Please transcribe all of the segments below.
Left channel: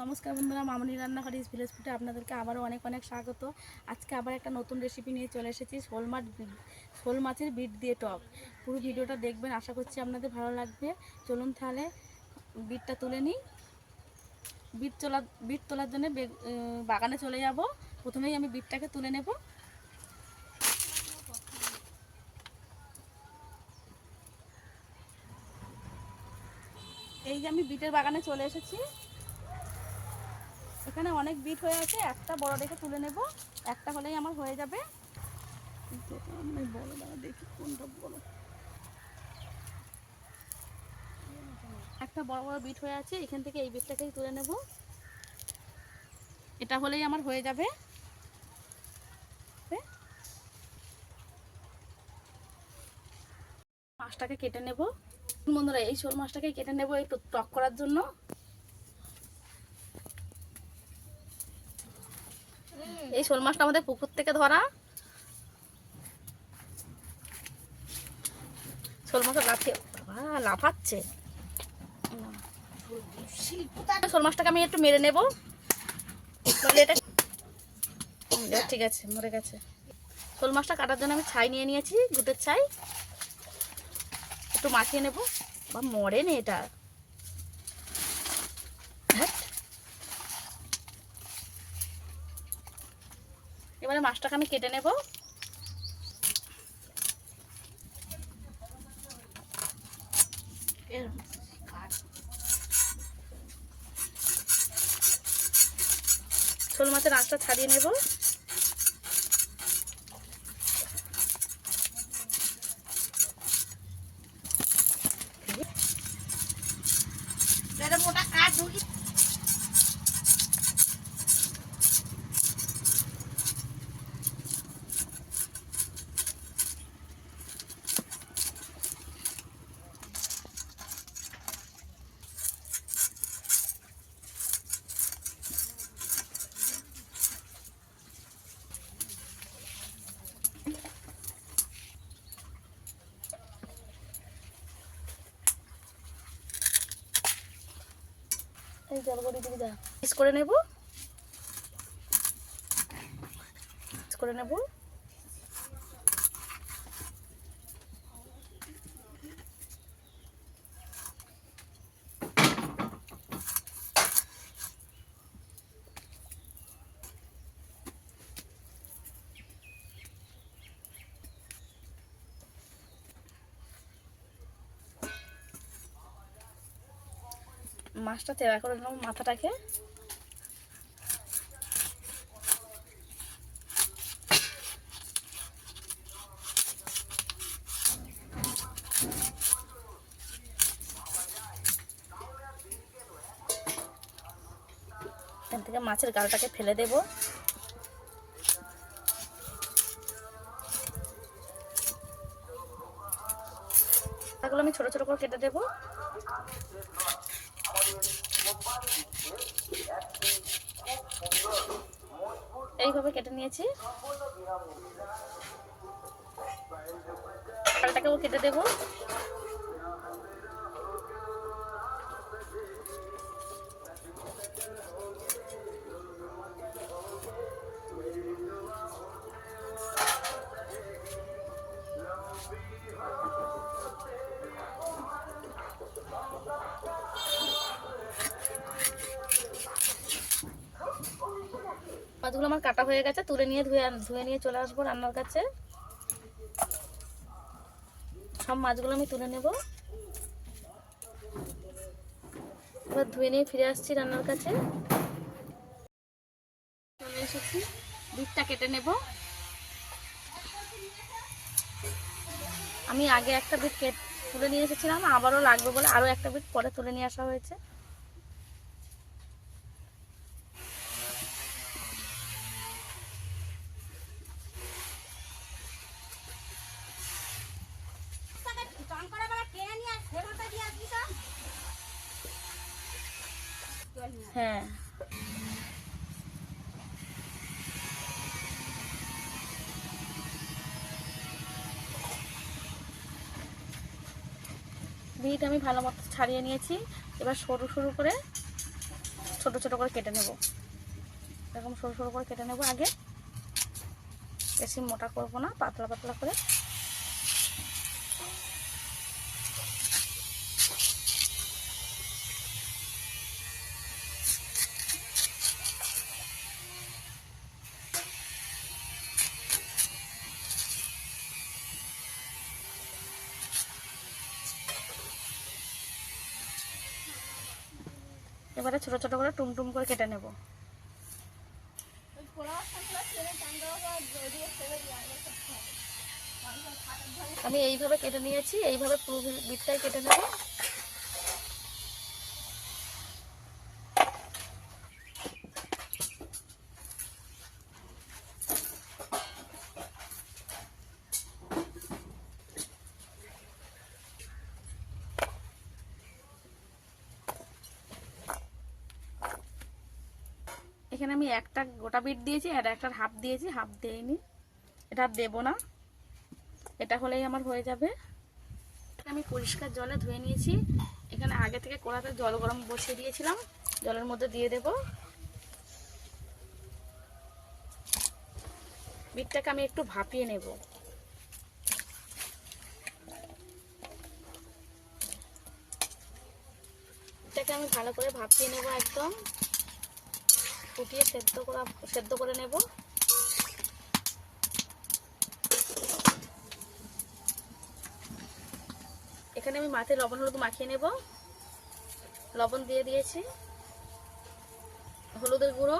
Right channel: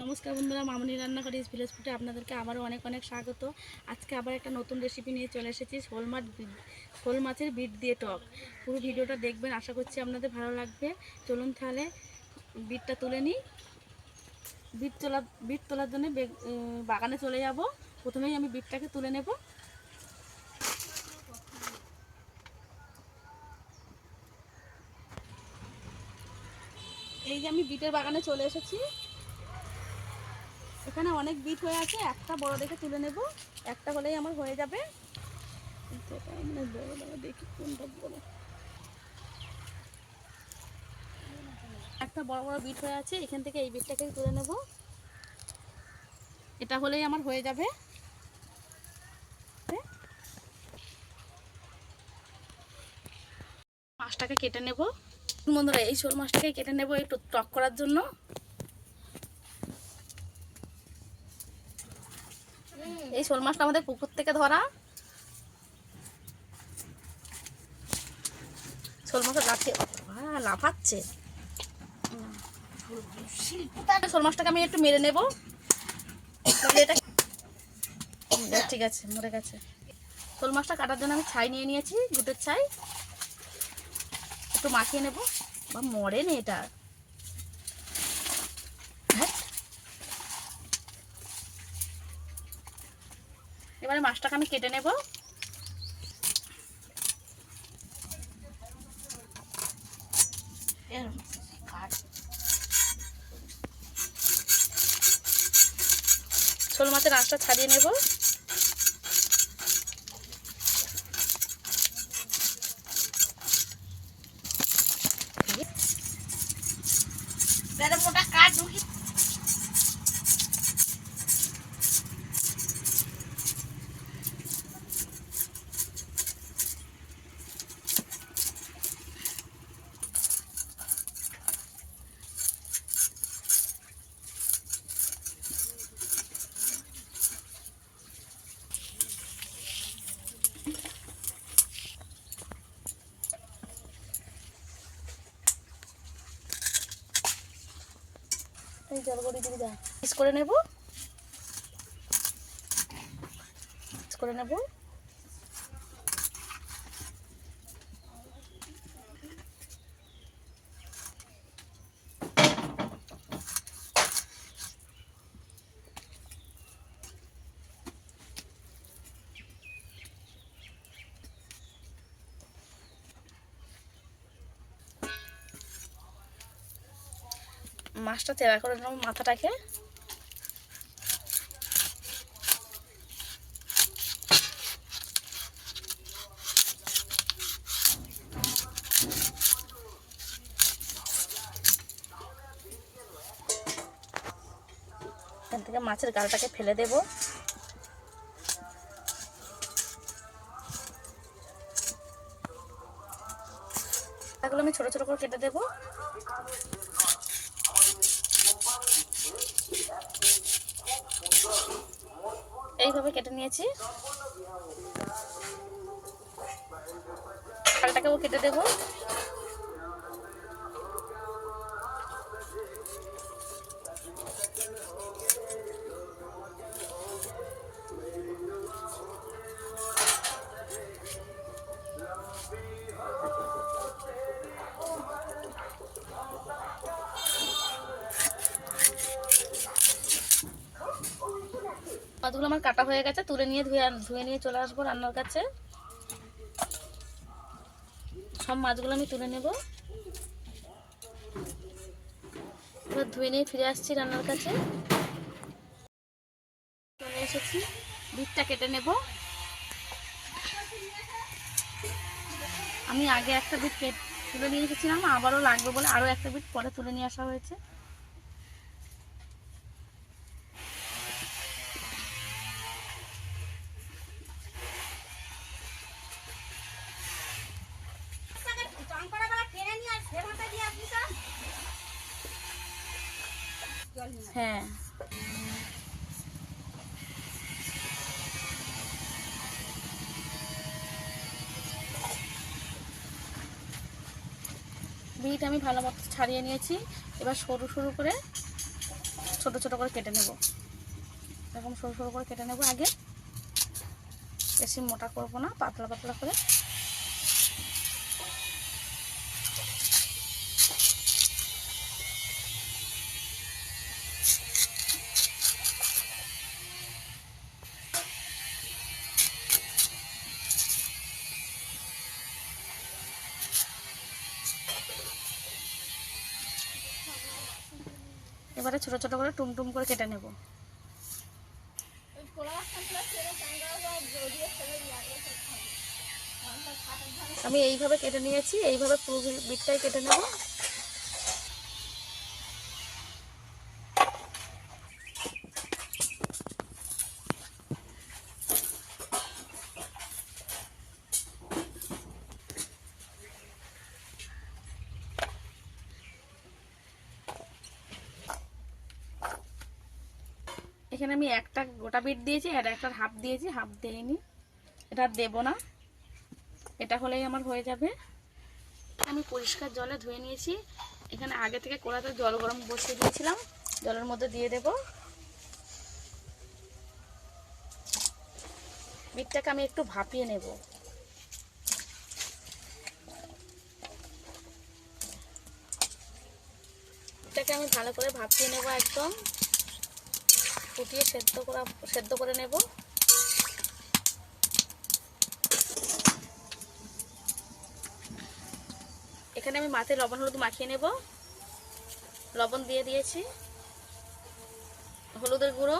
নমস্কার বন্ধুরা, মামনি রান্নাঘর ইস ভিলেজ ফুডে আপনাদেরকে আবারও অনেক অনেক স্বাগত। আজকে আবার একটা নতুন রেসিপি নিয়ে চলে এসেছি, শোল মাছের বিট দিয়ে টক। পুরো ভিডিওটা দেখবেন, আশা করছি আপনাদের ভালো লাগবে। চলুন তাহলে বিটটা তুলে নিই। বিট তোলার জন্য বাগানে চলে যাব। প্রথমেই আমি বিটটাকে তুলে নেব। এই যে আমি বিটের বাগানে চলে এসেছি। এখানে অনেক বিট হয়ে আছে, একটা বড় দেখে তুলে নেব। একটা হলেই আমার হয়ে যাবে। বড় দেখি কোনটা বড়। একটা বড় বড় বিট হয়ে আছে, এখান থেকে এই বিটটাকেই তুলে নেব। এটা হলেই আমার হয়ে যাবে। মাছটাকে কেটে নেব বন্ধুরা। এই শোল মাছটাকে কেটে নেব একটু টক করার জন্য। এই শোল মাছটা আমাদের পুকুর থেকে ধরা। শোল মাছটা লাফাচ্ছে। শোল মাছটাকে আমি একটু মেরে নেব। ঠিক আছে, মরে গেছে। শোল মাছটা কাটার জন্য আমি ছাই নিয়ে নিয়েছি, দুধের ছাই। একটু মাখিয়ে নেব। বা মরে নে এটা। এবারে মাছটাকে আমি কেটে নেব। শোল মাছের আঁশটা ছাড়িয়ে নেব। মোটা কাঠ ঢুকি। এই জলগড়ি দিকে যা পিস করে নেব। করে নেব। মাছটা তেড়া করে নেব মাথাটাকে। এখান থেকে মাছের গালটাকে ফেলে দেব। এগুলো আমি ছোট ছোট করে কেটে দেব। এইভাবে কেটে নিয়েছি। গালটাকেও কেটে দেব। মাছগুলো আমার কাটা হয়ে গেছে, তুলে নিয়ে ধুয়ে নিয়ে চলে আসবো রান্নার কাছে। সব মাছগুলো আমি তুলে নেব। এবার ধুয়ে নিয়ে ফিরে আসছি রান্নার কাছে। চলে এসেছি, বিটটা কেটে নেব। আমি আগে একটা বিট তুলে নিয়ে এসেছিলাম, আবারও লাগবে বলে আরও একটা বিট পরে তুলে নিয়ে আসা হয়েছে। হ্যাঁ, বিট আমি ভালো মতো ছাড়িয়ে নিয়েছি। এবার সরু সরু করে ছোট ছোট করে কেটে নেব, এরকম সরু সরু করে কেটে নেব আগে, বেশি মোটা করব না, পাতলা পাতলা করে। এবারে ছোট ছোট করে টুমটুম করে কেটে নেব। আমি এইভাবে কেটে নিয়েছি, এইভাবে পুরো বিটটাই কেটে নেব। এখানে আমি একটা গোটা বিট দিয়েছি আর একটা হাফ দিয়েছি, হাফ দিইনি, এটা দেবো না, এটা হলেই আমার হয়ে যাবে। আমি পরিষ্কার জলে ধুয়ে নিয়েছি, এখানে আগে থেকে কড়াতে জল গরম বসিয়ে দিয়েছিলাম, জলের মধ্যে দিয়ে দেব। বিটটাকে আমি একটু ভাপিয়ে নেব। বিটটাকে আমি ভালো করে ভাপিয়ে নেব, একদম ফুটিয়ে সেদ্ধ করে নেব। এখানে আমি মাছে লবণ হলুদ মাখিয়ে নেব, লবণ দিয়ে দিয়েছি, হলুদের গুঁড়ো,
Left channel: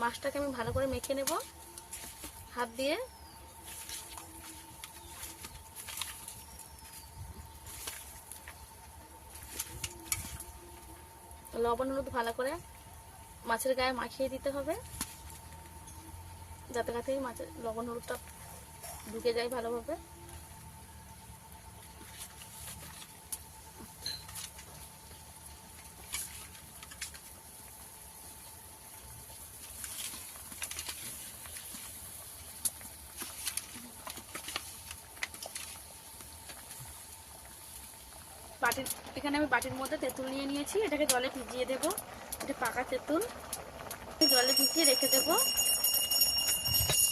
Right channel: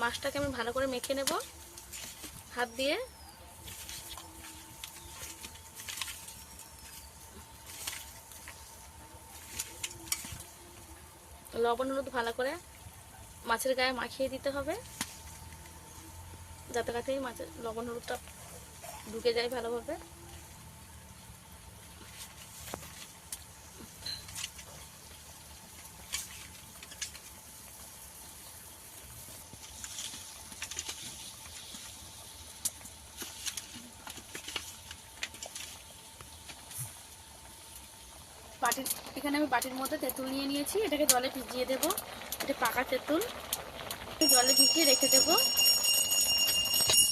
মাছটাকে আমি ভালো করে মেখে নেব হাত দিয়ে। লবণ হলুদ ভালো করে মাছের গায়ে মাখিয়ে দিতে হবে, যাতে কাতেই মাছের লবণ হলুদটা ঢুকে যায় ভালোভাবে। এখানে আমি বাটির মধ্যে তেঁতুল নিয়ে নিয়েছি, এটাকে জলে ভিজিয়ে দেব। এটা পাকা তেঁতুল, জলে ভিজিয়ে রেখে দেব।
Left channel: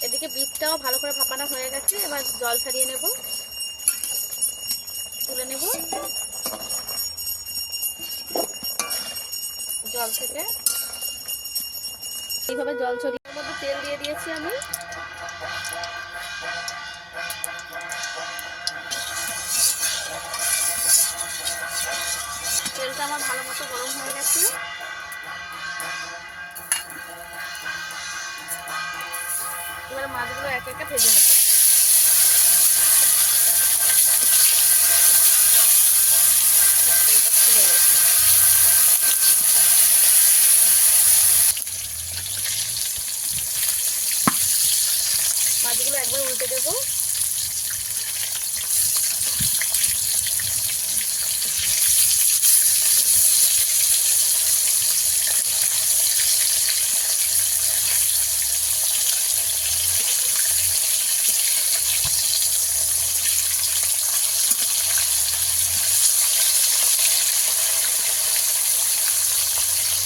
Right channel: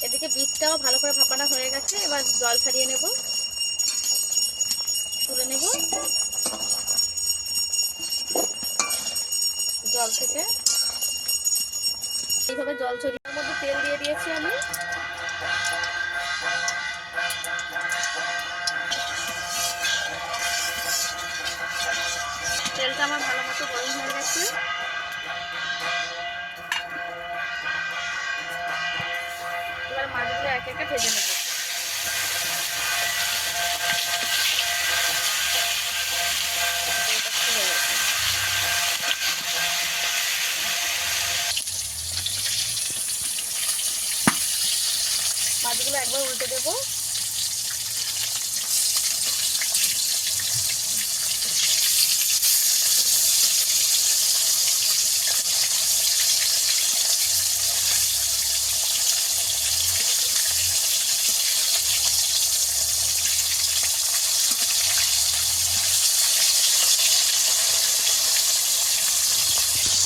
এদিকে বিটটাও ভালো করে ভাপানো হয়ে গেছে, এবার জল ছাড়িয়ে নেব, তুলে নেব জল থেকে। এইভাবে জল ছড়িয়ে মধ্যে তেল দিয়ে দিয়েছি আমি। তেলটা আমার ভালো মতো গরম হয়ে গেছে, এবার মাছগুলো এক একে ভেজে নেব। মাছগুলো একবার উল্টে দেব।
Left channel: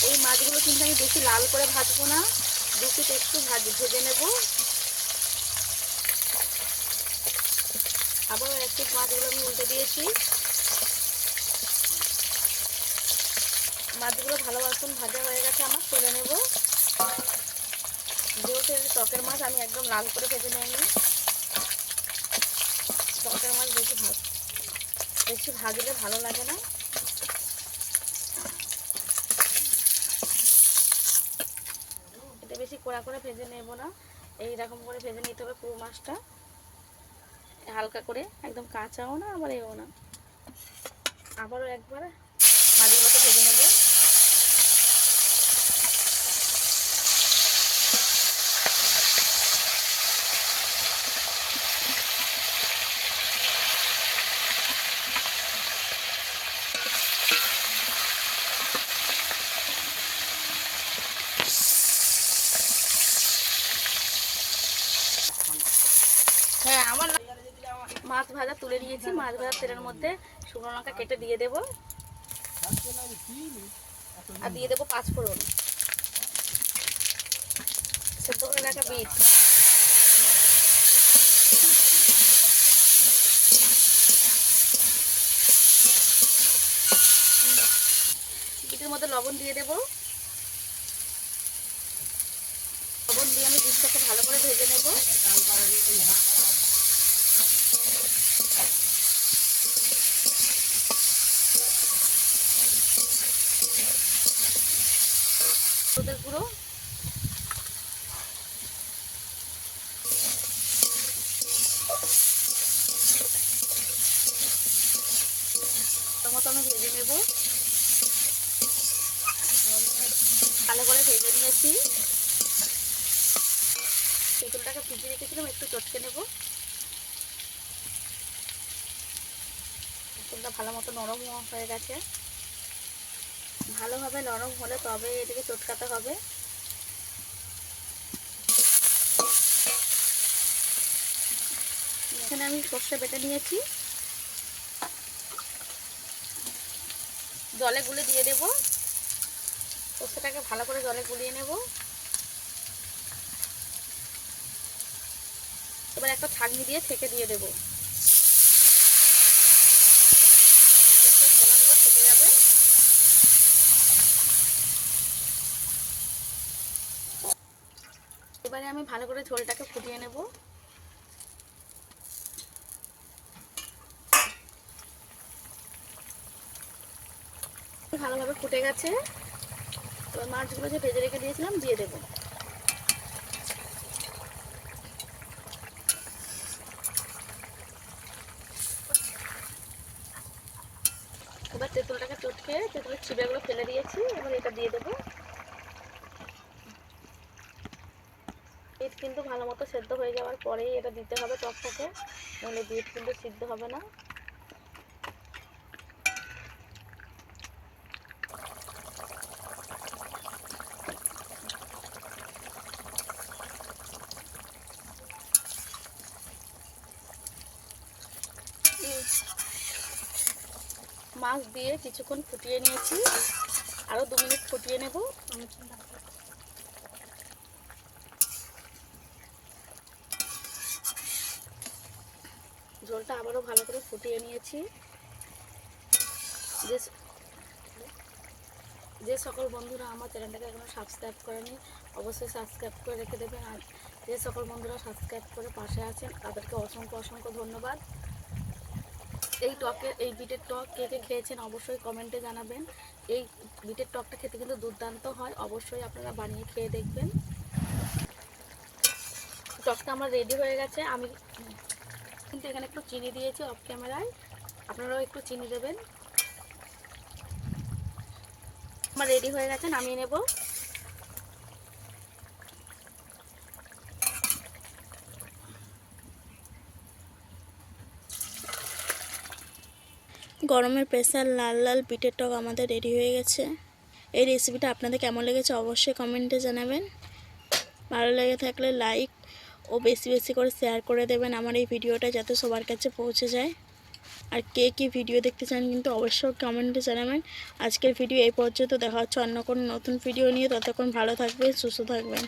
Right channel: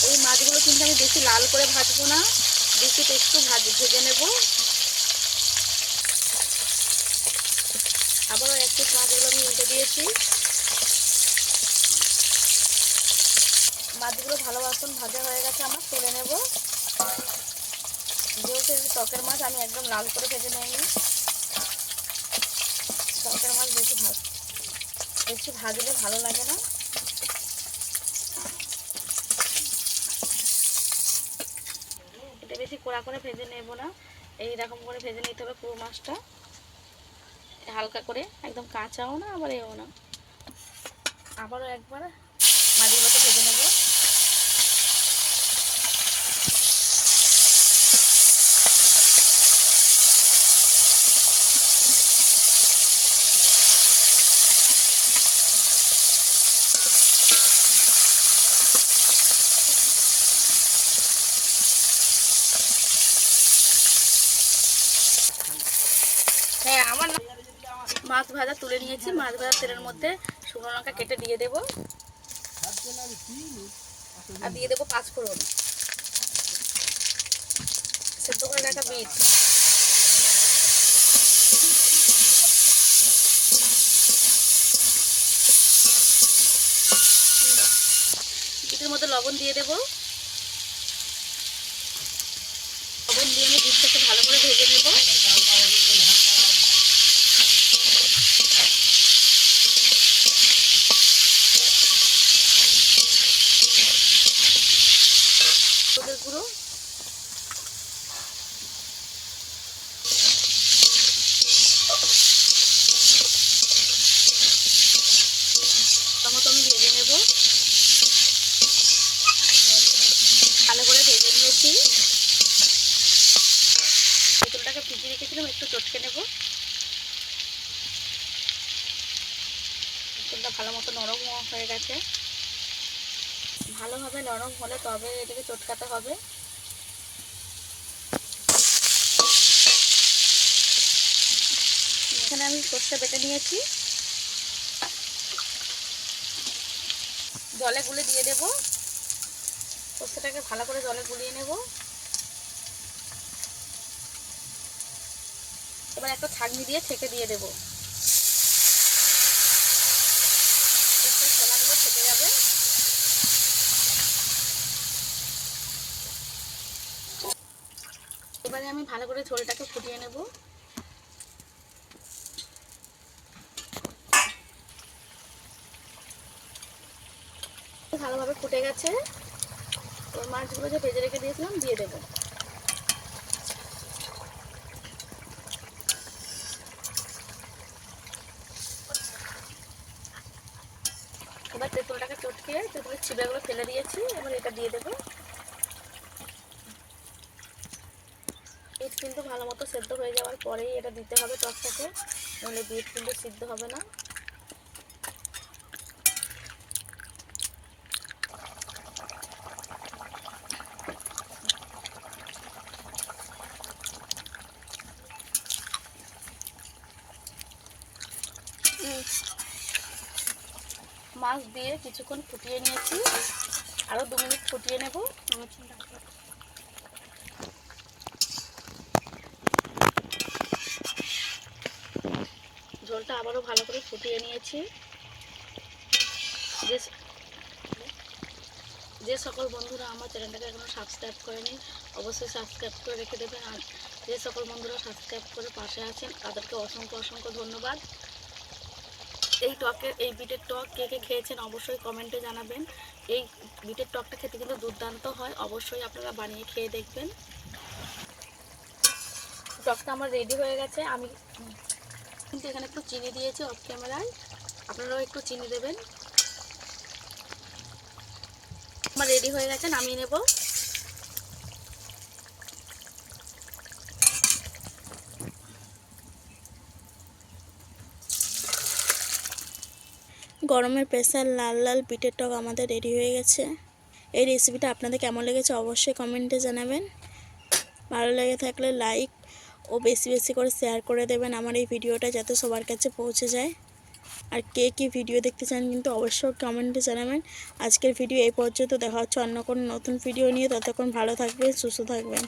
এই মাছগুলো কিন্তু আমি বেশি লাল করে ভাজবো না, বেশি একটু ভেজে নেব। আবারও এক পিস মাছগুলো আমি উল্টে দিয়েছি। মাছগুলো ভালো মতন ভাজা হয়ে গেছে আমার, তুলে নেব। যেহেতু টকের মাছ আমি একদম লাল করে ভেজে নিইনি, টকের মাছ বেশি ভাজলে ভালো লাগে না। এটা বেশি কড়া করে ভেজে নেব না, এইরকম করে ভেজে নিতে হবে পুরো মাছটা, হালকা করে, একদম কাঁচাও না আবার এও না। আবারও একবার মাছগুলোকে ভেজে নেব। হ্যাঁ, আমার মাছ ভাজা তুলে নিয়েছি, মাছ ভাজার তেলের মধ্যে শুকনো লঙ্কা কেটে দিয়ে দেব। আর দিয়ে দেবো 5 ফোড়ন, সেদ্ধ করে রাখা বিট, বিটের মধ্যে লবণ দিয়ে দেবো। লবণ দিয়ে আমি বিটটাকে ভালো করে ভেজে নেব। হলুদের গুঁড়ো, টমেটো আমি ভেজে নেব, ভালো করে ভেজে নিয়েছি। তেঁতুলটাকে ভিজিয়ে রেখেছিলাম, একটু চটকে নেব। তেঁতুলটা ভালো মতো নরম হয়ে গেছে, ভালোভাবে নরম হলে তবে এটাকে চটকাতে হবে। এখানে আমি সর্ষে বেটে নিয়েছি, জলে গুলে দিয়ে দেব। সর্ষেটাকে ভালো করে জলে গুলিয়ে নেব। এবার একটা ছাঁকনি দিয়ে ছেঁকে দিয়ে দেব, ছোলাগুলো ছেঁকে যাবে। এবারে আমি ভালো করে ঝোলটাকে ফুটিয়ে নেব। ভালোভাবে ফুটে গেছে। এবার মাছগুলো যে ভেজে রেখে দিয়েছিলাম দিয়ে দেব। এবার তেঁতুলটাকে চটকে তেঁতুলের ছিপেগুলো ফেলে দিয়েছি, এবার এটা দিয়ে দেবো। বিট কিন্তু ভালো মতো সেদ্ধ হয়ে যাওয়ার পরেই এটা দিতে হবে টকটাকে, নইলে বিট কিন্তু সিদ্ধ হবে না। মাছ দিয়ে কিছুক্ষণ ফুটিয়ে নিয়েছি, আরও 2 মিনিট ফুটিয়ে নেব। ঝোলটা আবারও ভালো করে ফুটিয়ে নিয়েছি। যে সকল বন্ধুরা আমার চ্যানেলটাকে এখনও সাবস্ক্রাইব করেনি অবশ্যই সাবস্ক্রাইব করে রেখে দেবেন। আর যে সকল বন্ধুরা সাবস্ক্রাইব করে পাশে আছেন তাদেরকে অসংখ্য অসংখ্য ধন্যবাদ। এই বিটের টক কে কে খেয়েছেন অবশ্যই কমেন্টে জানাবেন। এই বিটের টকটা খেতে কিন্তু দুর্দান্ত হয়, অবশ্যই আপনারা বানিয়ে খেয়ে দেখবেন। টকটা আমার রেডি হয়ে গেছে। আমি কিন্তু এখানে একটু চিনি দিয়েছি অফ ক্যামেরায়, আপনারাও একটু চিনি দেবেন। আমার রেডি হয়ে গেছে, নামিয়ে নেব। গরমের স্পেশাল লাল লাল বিটের টক আমাদের রেডি হয়ে গেছে। এই রেসিপিটা আপনাদের কেমন লেগেছে অবশ্যই কমেন্টে জানাবেন। ভালো লেগে থাকলে লাইক ও বেশি বেশি করে শেয়ার করে দেবেন আমার এই ভিডিওটা, যাতে সবার কাছে পৌঁছে যায়। আর কে কী ভিডিও দেখতে চান কিন্তু অবশ্যই কমেন্টে জানাবেন। আজকের ভিডিও এই পর্যন্ত, দেখা হচ্ছে অন্য কোনো নতুন ভিডিও নিয়ে। ততক্ষণ ভালো থাকবেন, সুস্থ থাকবেন।